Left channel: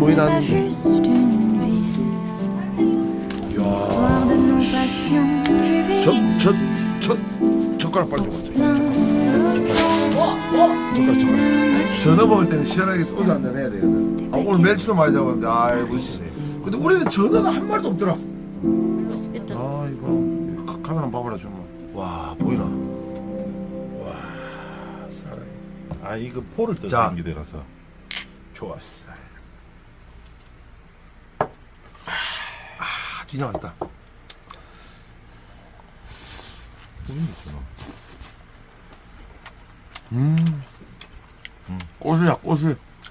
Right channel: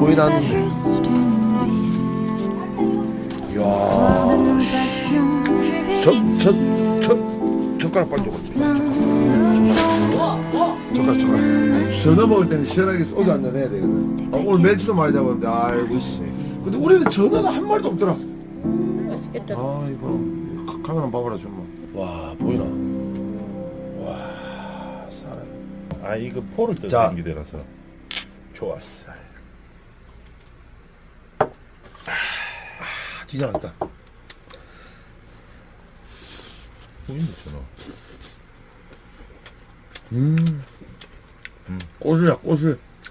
뭐이 나왔는데. 젓가락 빨리 줘봐. 젓가락. 전어 먹을 때는 시원하게 소주 한잔 해야 되거든. 오늘 멸치도 많이 잡았는데, 아이고, 씨. 근데 우리는 전어가 한 마리도 없더라. 맛있겠다. 아이고, 카메라 한번 봐봐라, 좀. 와, 보이나? 와, 사람. 아 이거 포를 자. 뜯는 게 되라서 좋았어. 진짜 맛있다. 고수야, 고수.